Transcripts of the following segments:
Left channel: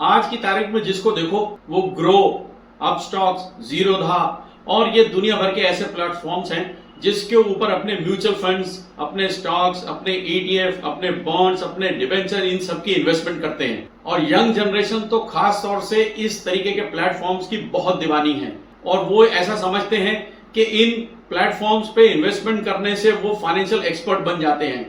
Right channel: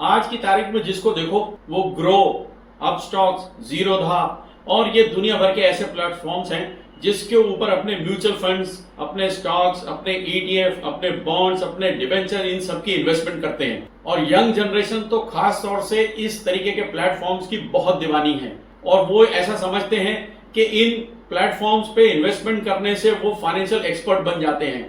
आज की तारीख में जिसको देखो वो ग्रो, अपस्टॉक्स, जीरोधा और ये दुनिया भर के ऐसे प्लेटफॉर्म्स हैं जिसके ऊपर अपने म्यूचुअल फंड्स, अपने स्टॉक्स, अपने ईटीएफ, अपने बॉन्ड्स, अपने डिबेंचर, इन सब की इन्वेस्टमेंट करते हैं। और यंग जनरेशन तो खास तौर से इस तरीके के प्लेटफॉर्म्स की बहुत दीवानी है और वो ऐसा समझते हैं कि इन प्लेटफॉर्म्स पे इन्वेस्टमेंट करने से वो फाइनेंशियल एक्सपर्ट बन जाते हैं।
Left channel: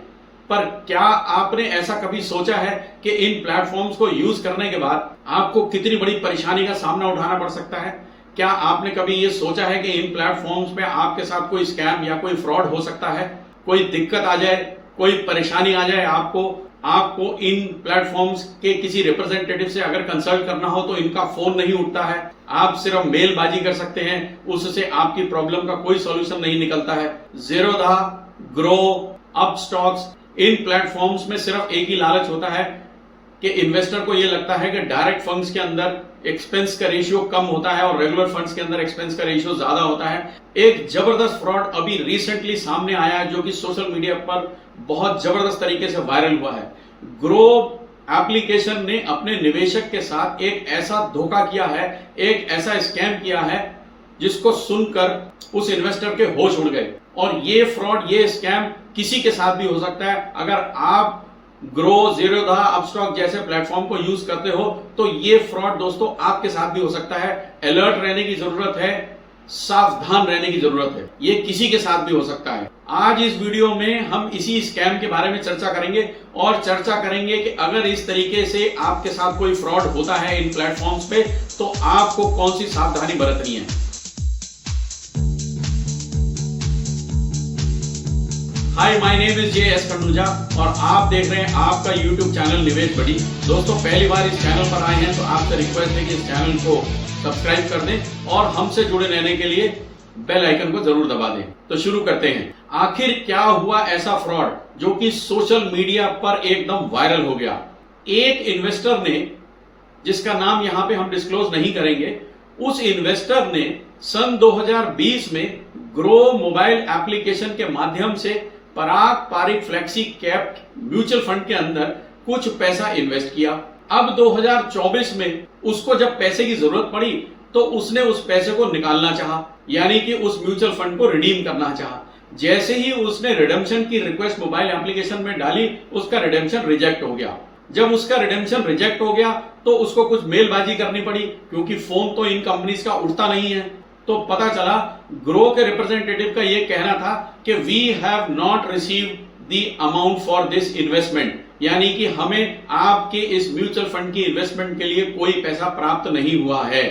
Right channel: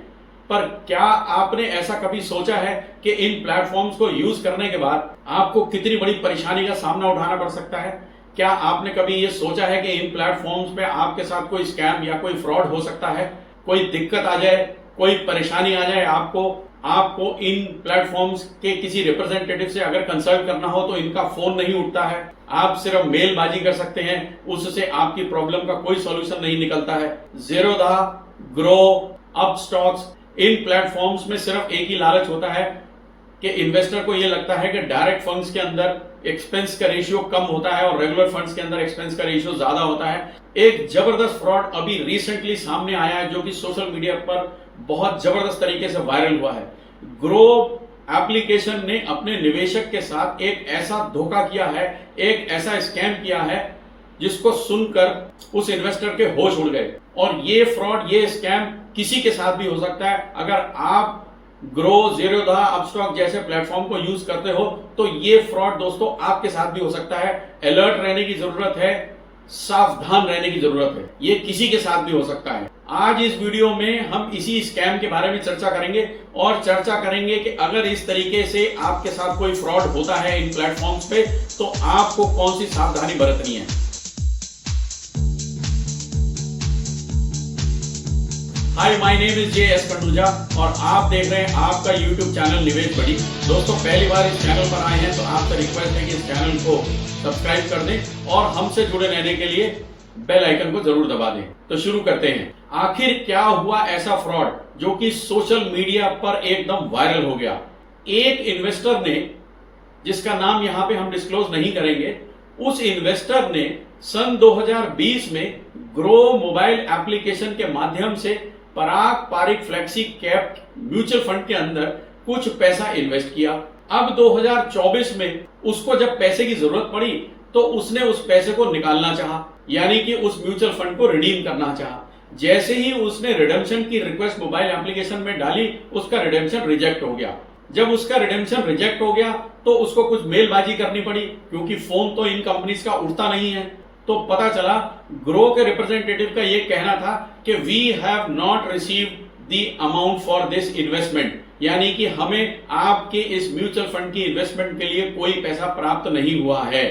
पर क्या आपने ऐसा कभी सोचा है कि इन प्लेटफॉर्म्स को यूज करने के बाद आपको कितनी बड़ी परेशानी का सामना उठाना पड़ सकता है? क्या आपने कभी ये सोचा है कि इन प्लेटफॉर्म्स पे आपके साथ कोई स्कैम या कोई फ्रॉड हो सकता है? कोई दिक्कत आ जाए, कोई परेशानी आ जाए आपको इन प्लेटफॉर्म्स के किसी रिप्रेजेंटेटिव से अगर कंसल्ट करना हो तो इनका फोन नहीं उठता है, आप सिर्फ मेलबाजी कर सकते हैं, उससे आपकी प्रॉब्लम का कोई सॉल्यूशन नहीं निकलता है। जीरोधा, ग्रो, अपस्टॉक्स, इन प्लेटफॉर्म्स में सिर्फ एक ही लालच होता है कि इन्वेस्टर को यह लगता है कि डायरेक्ट फंड्स के अंदर एक्सपेंस का रेशियो कम होता है और रेगुलर फंड्स के अंदर एक्सपेंस का रेशियो ज्यादा होता है। एक जबरदस्त फ्रॉड अभी रिसेंटली सामने आया है जो कि सोशल मीडिया पर बहुत जबरदस्त तरीके से वायरल हुआ है। ग्रो एप्लीकेशन ने अपने निवेशक के साथ एक ऐसा धोखा किया है, एक ऐसा स्कैम किया है जिसको सुनकर उस इन्वेस्टर के होश उड़ गए। और ये फ्रॉड, ये स्कैम किसी के साथ भी हो सकता है। अगर आप ग्रो, जीरोधा, अपस्टॉक जैसे प्लेटफॉर्म को यूज करते हो तो ये फ्रॉड दोस्तों आपके साथ भी हो सकता है। अलर्ट रहने की जरूरत है, सावधान रहने की जरूरत है, ये किसी के साथ भी हो सकता है। आज इस वीडियो में हम इसी स्कैम के बारे में चर्चा करेंगे और चर्चा करेंगे कि अगर इस तरीके से आपके साथ कोई फ्रॉड होता है इन प्लेटफॉर्म्स पे तो आपको कौन सी सावधानी बरतनी है। Hi, my name is J S. Khanduja और आप देख रहे हैं आपका यूट्यूब चैनल निवेश बडी। दोस्तों, पहली बार इस चैनल पर आए हैं तो आपसे रिक्वेस्ट है कि इस चैनल को सब्सक्राइब कर दें और हमसे जुड़े रहने के लिए बेल आइकन को जरूर दबा दें। तो शुरू करते हैं। आखिर क्या हुआ ऐसा फ्रॉड जो कि सोशल मीडिया पर एकदम वायरल हो गया? एक इन्वेस्टर ने, जिसका नाम यहां पे हम डिस्क्लोज नहीं करेंगे, उस इन्वेस्टर ने सन 2020 में ग्रो मोबाइल एप्लीकेशन के माध्यम से Parag Parikh flexi cap mutual fund के अंदर कुछ पैसा इन्वेस्ट किया। अब 2024 में उसको जब पैसे की जरूरत पड़ी तो उसने उस पैसे को निकालना चाहा, यानी कि उस म्यूचुअल फंड को रिडीम करना चाहा। जैसे ही उसने रिडेम्पशन की रिक्वेस्ट मोबाइल एप्लीकेशन में डाली, उसका रिडेम्पशन रिजेक्ट हो गया। जब उसका रिडेम्पशन रिजेक्ट हो गया तो उसको कुछ मेलबाजी करनी पड़ी, क्योंकि फोन तो इन कंपनीज का उठता नहीं है। तो पता चला ग्रो के रिप्रेजेंटेटिव का यह कहना था कि we have not received the amount for this investment, यानी कि हमें आपके इस म्यूचुअल फंड की इन्वेस्टमेंट के लिए कोई पैसा प्राप्त नहीं हुआ है।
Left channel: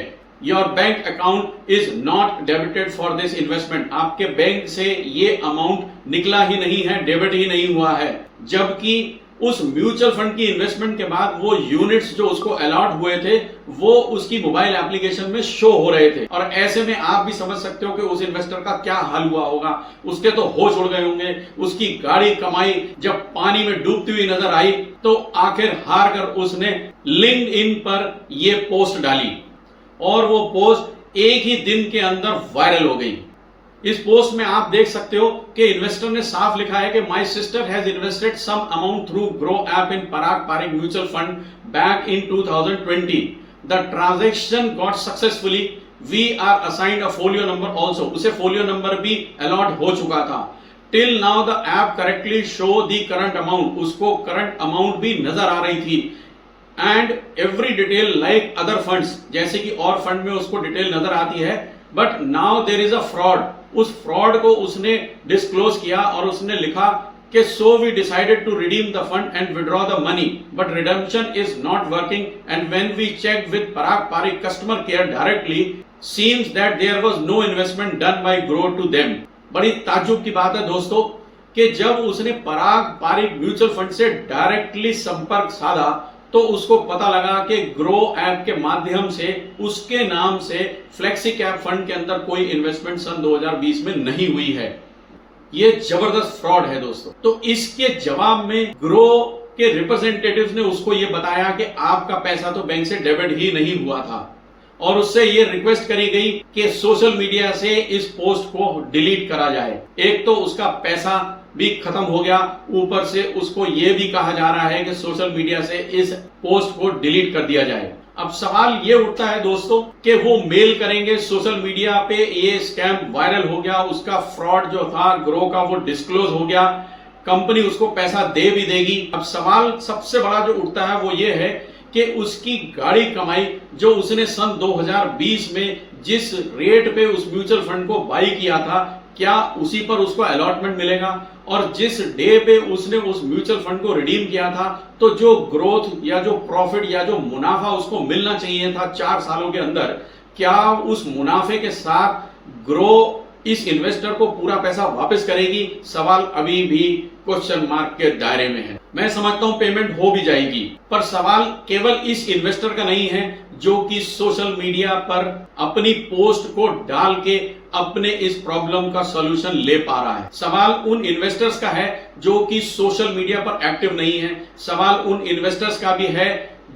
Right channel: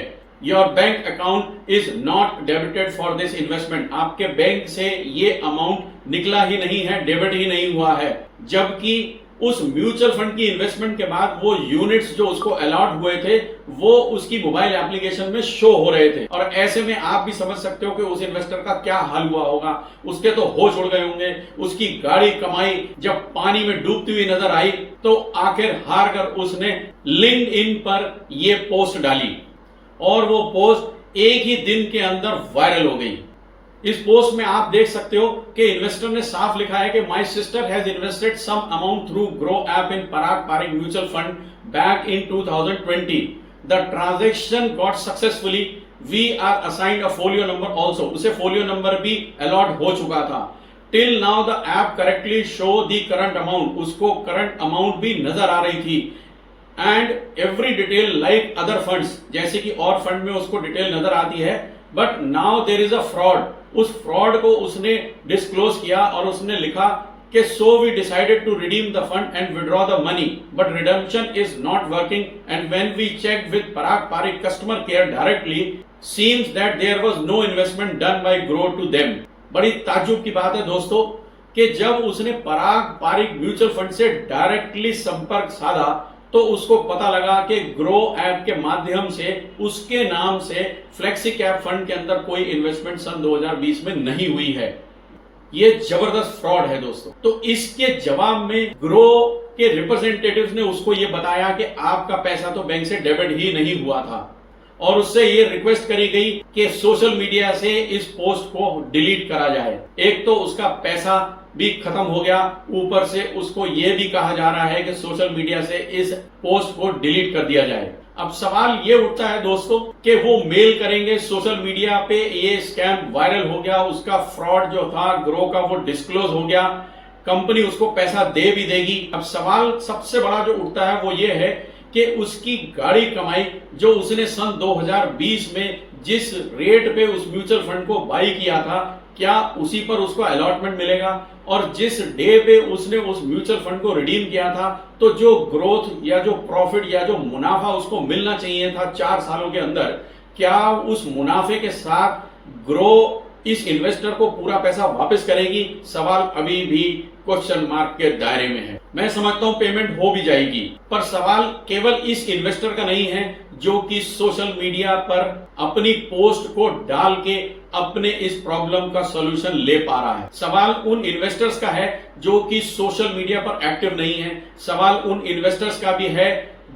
Your bank account is not debited for this investment, आपके बैंक से ये अमाउंट निकला ही नहीं है, डेबिट ही नहीं हुआ है। जबकि उस म्यूचुअल फंड की इन्वेस्टमेंट के बाद वो यूनिट्स जो उसको अलॉट हुए थे वो उसकी मोबाइल एप्लीकेशन में शो हो रहे थे। और ऐसे में आप भी समझ सकते हो कि उस इन्वेस्टर का क्या हाल हुआ होगा। उसके तो होश उड़ गए होंगे। उसकी गाड़ी कमाई जब पानी में डूबती हुई नजर आई तो आखिर हार कर उसने लिंक्डइन पर ये पोस्ट डाली और वो पोस्ट एक ही दिन के अंदर वायरल हो गई। इस पोस्ट में आप देख सकते हो कि इन्वेस्टर ने साफ लिखा है कि my sister has invested some amount through Groww app in Parag Parikh mutual fund back in 2020। The transaction got successfully, we are assigned a folio number also, उसे फोलियो नंबर भी अलॉट हो चुका था। Till now the app correctly show the current amount, उसको current amount भी नजर आ रही थी। And every detail like other funds, जैसे कि और फंड में उसको डिटेल नजर आती है। But now there is a fraud, उस फ्रॉड को उसने डिस्क्लोज किया और उसने लिखा कि so we decided to redeem the fund and withdraw the money but redemption is not working and when we check with Parag Parikh customer care directly seems that there was no investment done by Groww to them. बड़ी ताज्जुब की बात है दोस्तों कि जब उसने Parag Parikh mutual fund से डायरेक्टली संपर्क साधा तो उसको पता लगा कि ग्रो ऐप के माध्यम से उसके नाम से फ्लेक्सी कैप फंड के अंदर कोई इन्वेस्टमेंट सन 2020 में नहीं हुई है। ये जबरदस्त फ्रॉड है दोस्तों। तो इसके जवाब में ग्रो के रिप्रेजेंटेटिव्स ने उसको ये बताया कि आपका पैसा तो बैंक से डेबिट ही नहीं हुआ था और उससे ये रिक्वेस्ट करी गई कि सोशल मीडिया से इस पोस्ट को डिलीट करा जाए। एक तो उसका पैसा भी खत्म हो गया, ऊपर से उसको यह भी कहा जा रहा है कि सोशल मीडिया से इस पोस्ट को डिलीट कर दिया जाए। अब सवाल ये उठता है दोस्तों कि वो मेल करेंगे सोशल मीडिया पे, ये स्कैम वायरल हो गया, उसका फ्रॉड जो था ग्रो का वो डिस्क्लोज हो गया, कंपनी उसको पैसा दे भी देगी। अब सवाल सबसे बड़ा जो उठता है वो ये है कि उसकी गाड़ी कमाई जो उसने सन 2020 में जिस रेट पे उस म्यूचुअल फंड को बाई किया था, क्या उसी पर उसको अलॉटमेंट मिलेगा? और जिस डे पे उसने उस म्यूचुअल फंड को रिडीम किया था, तो जो ग्रोथ या जो प्रॉफिट या जो मुनाफा उसको मिलना चाहिए था 4 सालों के अंदर, क्या उस मुनाफे के साथ ग्रो इस इन्वेस्टर को पूरा पैसा वापस करेगी? सवाल अभी भी क्वेश्चन मार्क के दायरे में है। मैं समझता हूं पेमेंट हो भी जाएगी, पर सवाल केवल इस इन्वेस्टर का नहीं है जो कि सोशल मीडिया पर अपनी पोस्ट को डाल के अपने इस प्रॉब्लम का सॉल्यूशन ले पा रहा है। सवाल उन इन्वेस्टर्स का है जो कि सोशल मीडिया पर एक्टिव नहीं है। सवाल उन इन्वेस्टर्स का भी है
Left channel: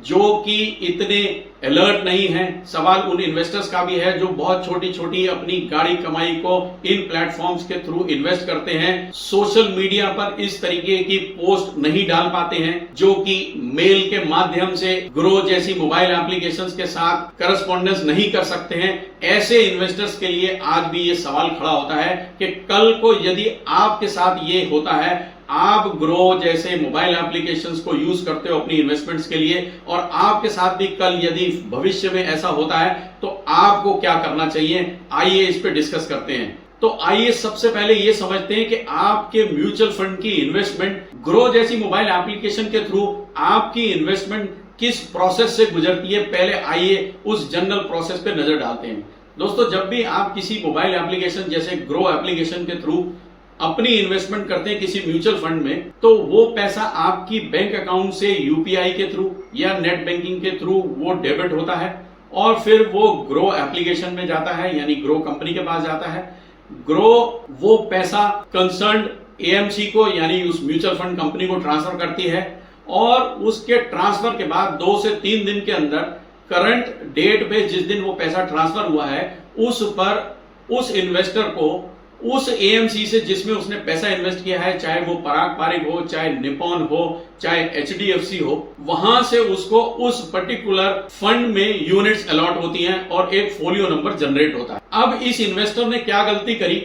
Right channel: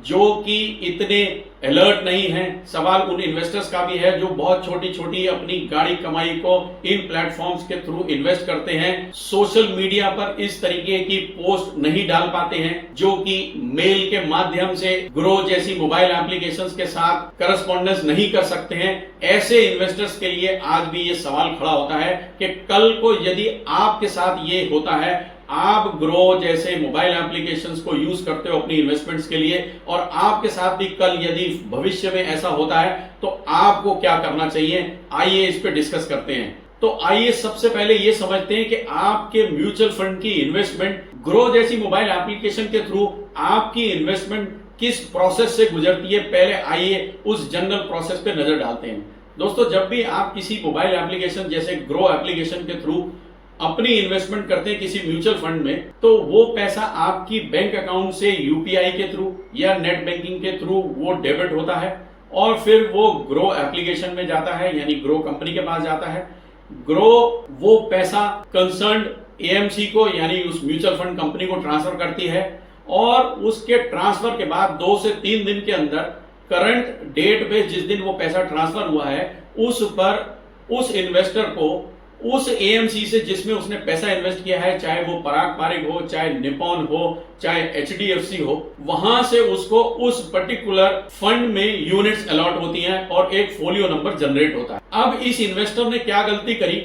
जो कि इतने अलर्ट नहीं है। सवाल उन इन्वेस्टर्स का भी है जो बहुत छोटी छोटी अपनी गाड़ी कमाई को इन प्लेटफॉर्म्स के थ्रू इन्वेस्ट करते हैं, सोशल मीडिया पर इस तरीके की पोस्ट नहीं डाल पाते हैं, जो कि मेल के माध्यम से ग्रो जैसी मोबाइल एप्लीकेशंस के साथ करस्पॉन्डेंस नहीं कर सकते हैं। ऐसे इन्वेस्टर्स के लिए आज भी ये सवाल खड़ा होता है कि कल को यदि आपके साथ ये होता है, आप ग्रो जैसे मोबाइल एप्लीकेशंस को यूज करते हो अपनी इन्वेस्टमेंट्स के लिए, और आपके साथ भी कल यदि भविष्य में ऐसा होता है तो आपको क्या करना चाहिए? आइए इस पे डिस्कस करते हैं। तो आइए सबसे पहले ये समझते हैं कि आपके म्यूचुअल फंड की इन्वेस्टमेंट ग्रो जैसी मोबाइल एप्लीकेशन के थ्रू आपकी इन्वेस्टमेंट किस प्रोसेस से गुजरती है। पहले आइए उस जनरल प्रोसेस पे नजर डालते हैं। दोस्तों, जब भी आप किसी मोबाइल एप्लीकेशन जैसे ग्रो एप्लीकेशन के थ्रू अपनी इन्वेस्टमेंट करते हैं किसी म्यूचुअल फंड में, तो वो पैसा आपकी बैंक अकाउंट से यूपीआई के थ्रू या नेट बैंकिंग के थ्रू वो डेबिट होता है और फिर वो ग्रो एप्लीकेशन में जाता है, यानी ग्रो कंपनी के पास जाता है। ग्रो वो पैसा कंसर्न्ड एएमसी को यानी उस म्यूचुअल फंड कंपनी को ट्रांसफर करती है, और उसके ट्रांसफर के बाद 2 से 3 दिन के अंदर करंट डेट पे जिस दिन वो पैसा ट्रांसफर हुआ है उस पर उस इन्वेस्टर को उस एएमसी से जिसमें उसने पैसा इन्वेस्ट किया है, चाहे वो पराग पारिक हो, चाहे निपॉन हो, चाहे एचडीएफसी हो, वहां से उसको उस पर्टिकुलर फंड में यूनिट्स अलॉट होती हैं और एक फोलियो नंबर जनरेट होता है। अब इस इन्वेस्टर ने क्या गलती करी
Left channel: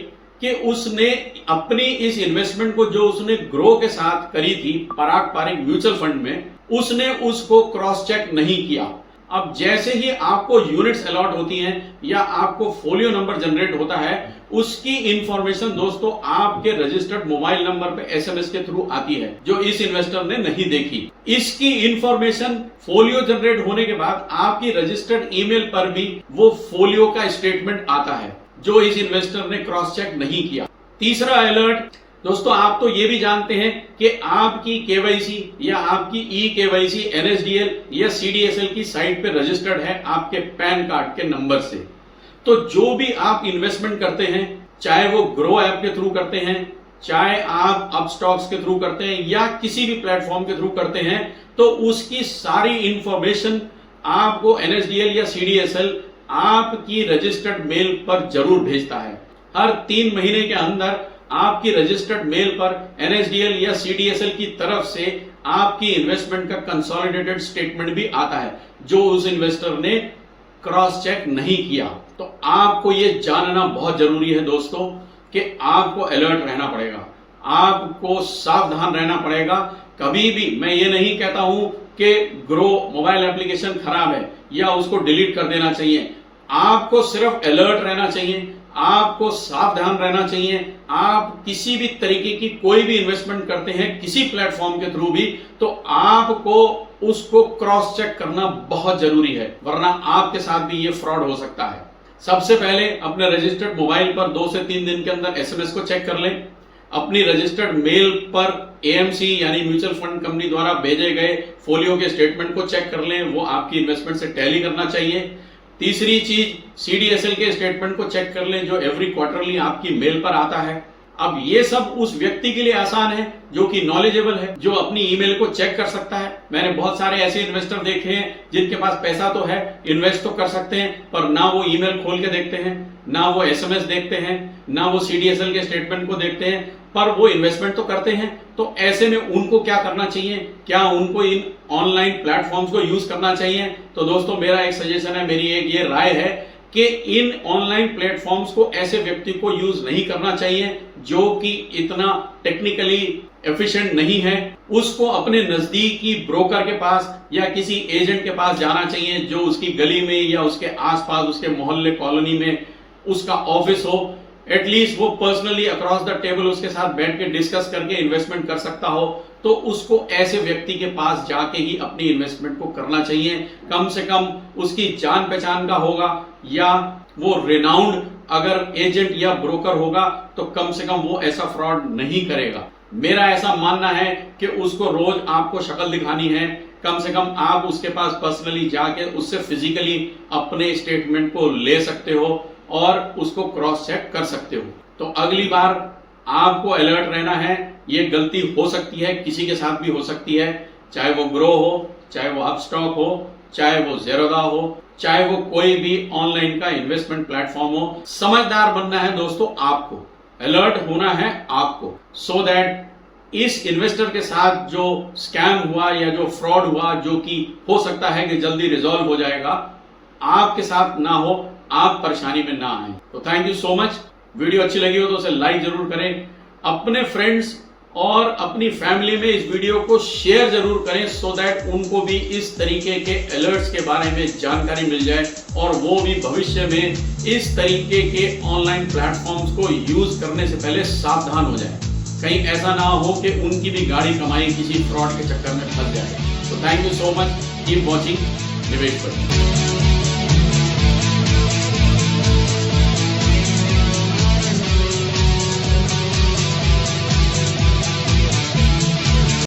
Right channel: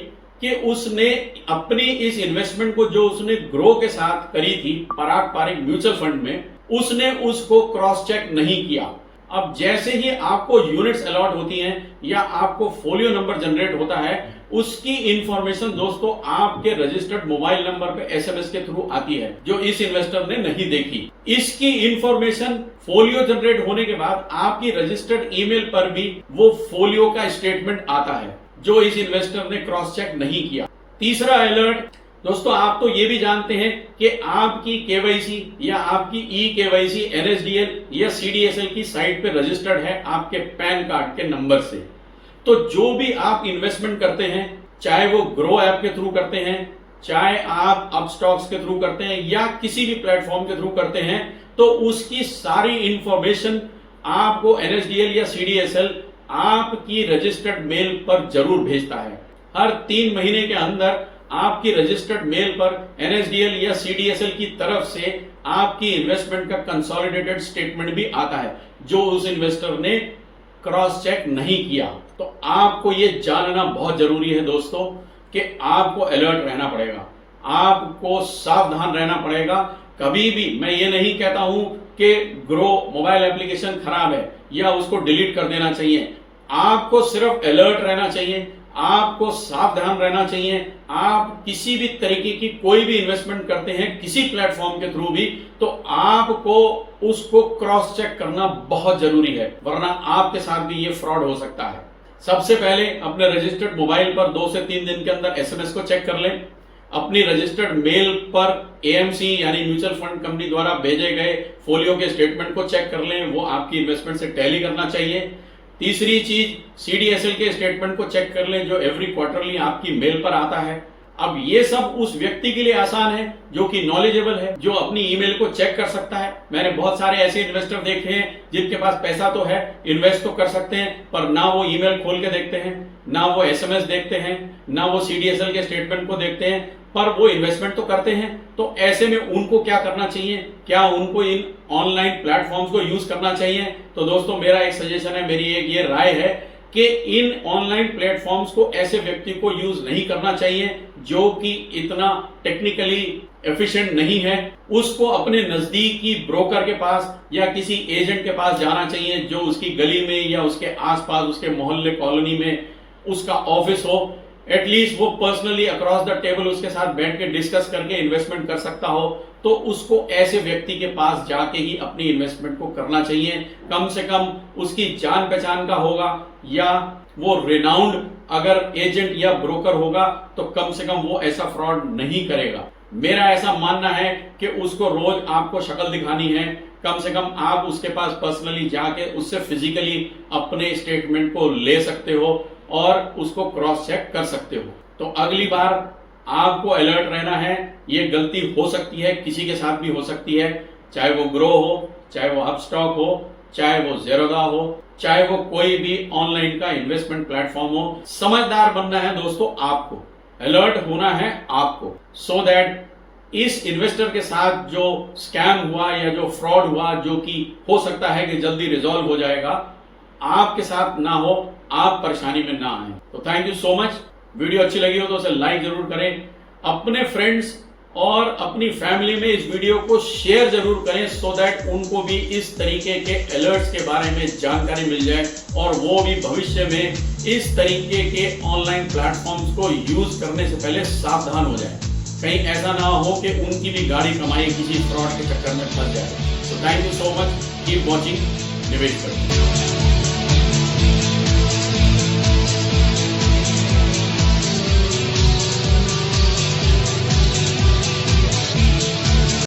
कि उसने अपनी इस इन्वेस्टमेंट को जो उसने ग्रो के साथ करी थी पराग पारिक म्यूचुअल फंड में, उसने उसको क्रॉस चेक नहीं किया। अब जैसे ही आपको यूनिट्स अलॉट होती हैं या आपको फोलियो नंबर जनरेट होता है, उसकी इंफॉर्मेशन दोस्तों आपके रजिस्टर्ड मोबाइल नंबर पे एसएमएस के थ्रू आती है, जो इस इन्वेस्टर ने नहीं देखी। इसकी इंफॉर्मेशन फोलियो जनरेट होने के बाद आपकी रजिस्टर्ड ईमेल पर भी वो फोलियो का स्टेटमेंट आता है, जो इस इन्वेस्टर ने क्रॉस चेक नहीं किया। तीसरा अलर्ट दोस्तों, आप तो ये भी जानते हैं कि आपकी केवाईसी या आपकी ई केवाईसी एनएसडीएल या सीडीएसएल की साइट पे रजिस्टर्ड है आपके पैन कार्ड के नंबर से। तो जो भी आप इन्वेस्टमेंट करते हैं, चाहे वो ग्रो ऐप के थ्रू करते हैं, चाहे आप अपस्टॉक्स के थ्रू करते हैं या किसी भी प्लेटफॉर्म के थ्रू करते हैं, तो उसकी सारी इंफॉर्मेशन आपको एनएसडीएल या सीडीएसएल आपकी रजिस्टर्ड मेल पर जरूर भेजता है। हर 3 महीने के अंदर आपकी रजिस्टर्ड मेल पर एनएसडीएल या सीडीएसएल की तरफ से आपकी इन्वेस्टमेंट का कंसोलिडेटेड स्टेटमेंट भी आता है, जो उस इन्वेस्टर ने क्रॉस चेक नहीं किया। तो आपको यह जानना बहुत जरूरी है दोस्तों कि आपको अलर्ट रहना पड़ेगा, आपको सावधान रहना पड़ेगा। कभी भी मैं ये नहीं कहता हूं कि ग्रो मोबाइल एप्लीकेशन खराब है या उसको डिलीट कर देना चाहिए। आपको सिर्फ अलर्ट रहना चाहिए, आपको सावधान रहना चाहिए। आप किसी भी तरीके की कोई भी इन्वेस्टमेंट करते हैं किसी प्लेटफॉर्म के थ्रू भी, तो आपको उसको क्रॉस चेक करना बहुत जरूरी है, वरना आपके साथ भी ये फ्रॉड हो सकता है। सबसे पहले अपने रजिस्टर्ड मोबाइल पर 2 से 3 दिन के अंदर एसएमएस को चेक कर लें। अपनी रजिस्टर्ड मेल पर एएमसी यानी म्यूचुअल फंड कंपनी द्वारा भेजे गए फोलियो के स्टेटमेंट को चेक कर लें, वो आपकी इन्वेस्टमेंट से टैली करना चाहिए। तीसरी चीज, सीडीएसएल के स्टेटमेंट को चेक कर लें, जो एवरी क्वार्टरली आपकी मेल पर आता है। अब ये सब उस व्यक्ति के लिए आसान है जो कि नॉलेजेबल है, जो अपनी ईमेल को चेक कर सकता है। मैंने बहुत सारे ऐसे इन्वेस्टर देखे हैं जिनके पास पैसा तो है, इन्वेस्ट तो कर सकते हैं, पर ना वो ईमेल खोल के देखते हैं, ना वो एसएमएस देखते हैं, ना वो सीडीएसएल के स्टेटमेंट को देखते हैं, पर वो इन्वेस्टमेंट तो करते हैं। तो ऐसे में उनको क्या करना चाहिए? क्या उनको इन ऑनलाइन प्लेटफॉर्म्स को यूज करना चाहिए? तो दोस्तों मेरा एक सजेशन है, मेरी एक ये राय है कि इन ऑनलाइन प्लेटफॉर्म्स को ऐसे व्यक्ति को यूज नहीं करना चाहिए जो कि इतना टेक्निकली एफिशिएंट नहीं है। उसको अपने नजदीकी ब्रोकर के पास या किसी एजेंट के पास जाना चाहिए जो उसकी गली में या उसके आसपास, उसके मोहल्ले कॉलोनी में उसका ऑफिस हो। एटलीस्ट वो पर्सनली अक्रॉस द टेबल उसके साथ बैठ के डिस्कस करके इन्वेस्टमेंट कर सकता हो, तो उसको ऐसे व्यक्ति के पास जाके ही अपनी इन्वेस्टमेंट को करना चाहिए। कम से कम उसकी जान पहचान का होगा या वो रिनाउंड अगर एजेंट या ब्रोकर होगा तो कम से कम वो ऐसा फ्रॉड नहीं करेगा। मेरा ऐसा मानना है कि उसको रोज आपको शक्ल दिखानी है, कम से कम आप उसके पास पर्सनली जाके उससे फिजिकली अपने स्टेटमेंट को ले सकते हो और उसको क्रॉस चेक कर सकते हो। तो अगली बार आपको अलर्ट रहना है। ये गलती हो सकती है, किसी के साथ भी हो सकती है, चाहे वो ग्रो हो, चाहे वो अपस्टॉक हो, चाहे वो ज़ेरोधा हो, चाहे वो कोई भी ऑनलाइन का इन्वेस्टमेंट प्लेटफॉर्म हो। समझदार बनना है दोस्तों, आपको अलर्ट होना है आपको, सो दैट इस इन्वेस्टर के साथ जो स्कैम हुआ या जो फ्रॉड हुआ, जो कि हो सकता है कि जल्दी रिजॉल्व हो जाएगा, आपके साथ ना हो, आप परेशानी में ना आए। तो thank you so much. Video अच्छी लगी हो तो उसे लाइक जरूर करें, अपने फ्रेंड्स और अपनी फैमिली में इस वीडियो को शेयर जरूर करें, सो दैट उनको भी इस तरीके के अलर्ट्स के बारे में जानकारी मिल जाए और वो भी भविष्य में इस तरीके के ऑनलाइन प्लेटफॉर्म्स को यूज करने से पहले सावधान हो जाए। कहीं ऐसा ना हो कि उनकी भी गाड़ी कमाई किसी फ्रॉड के चक्कर में फंस जाए। तो thank you so much, keep watching निवेश पर।